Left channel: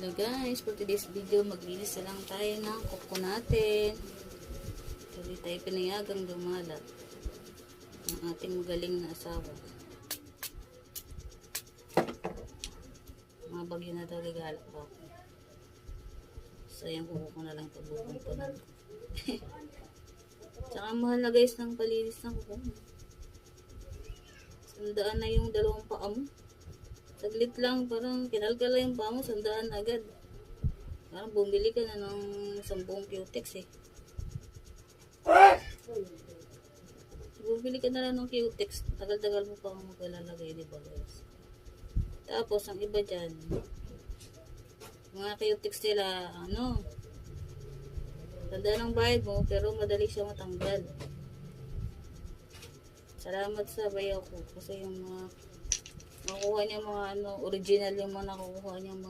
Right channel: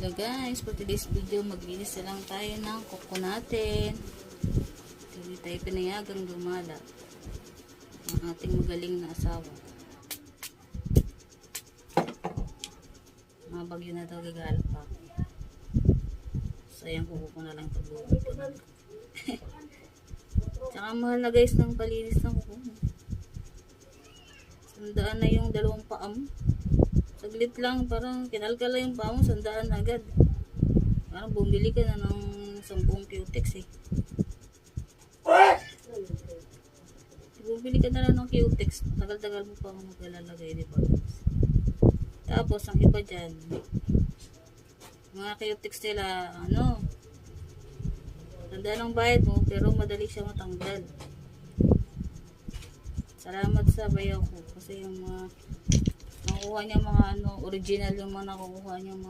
Hello guys, for today's video maglinis na lang tayo ng kuko natin. Hindi tayo pinayagang lumala ang ating magaling na asawa. Mga bagyo na daw gagalap pa ako. Sayang kuko ko na lang ito buupunan ko. Tsaka mahal na guys ng palinis ng kuko. Sandaan na yung dalawang paa mo. Saglit lang, parang kinalkala yung paa mo, sandaan agad. Parang bumili ka na ng 10 cutex eh. Bumili ka na lang ng cutex, tagal-tagal mo pa kung maglalagay, diba? Tapos, ang iba dyan, mga cutex nila, tanda ng bayad mo, pero madali siya matanggal. Salamat sa bayaw ko, kasi yung mga nakukuha niya mga original yung mga nakukuha niya mga